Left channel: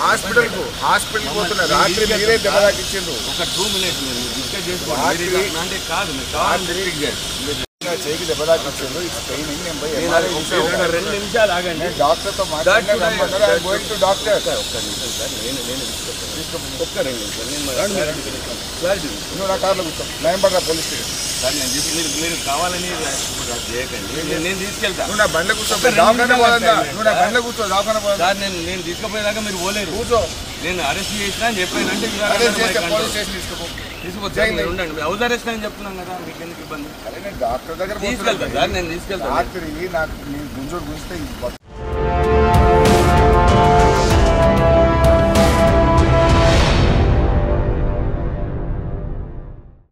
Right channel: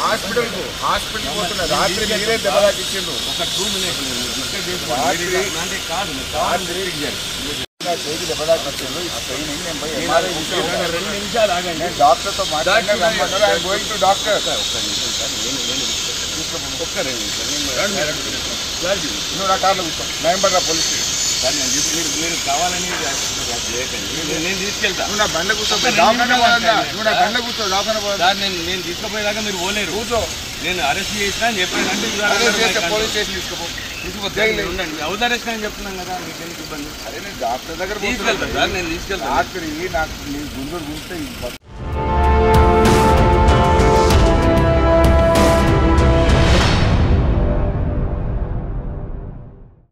Hospital పోతున్నా రాత్రి మీరే దెబ్బలాకి ఇచ్చిండ్రు. ఒక 2 minutes అంటే కాదు చేయికి దెబ్బలాకి ఇచ్చిండ్రు. 2 నిమిషాలు ఆగండి. డాక్టర్తో మాట్లాడి డాక్టర్ ఒక్క 2 నిమిషాలు నువ్వు నా కార్లో కూర్చో. నయంబర్రా పోలీస్ స్టేషన్ సార్. మీరు కావాలని చేయకండి. నేను తీసుకెళ్తా. నువ్వు నా బండి కూర్చో. నువ్వు నా బండి కూర్చో. సార్ నేను తీసుకుపోయేదాకా మీరు పోలేరు. కూర్చో. నేను అరెస్ట్ చేసినా అని చెప్పానంటే పోలీస్ స్టేషన్ తీసుకుపోతే హౌస్ అరెస్ట్ అని చెప్తున్నాను కదా. మీకు ఎందుకు ఇబ్బంది? అరే నేను డాక్టర్ దగ్గర తీసుకెళ్తాను సార్. నేను తీసుకెళ్తాను. రాత్రి నాకు గుంజూరు చూస్తే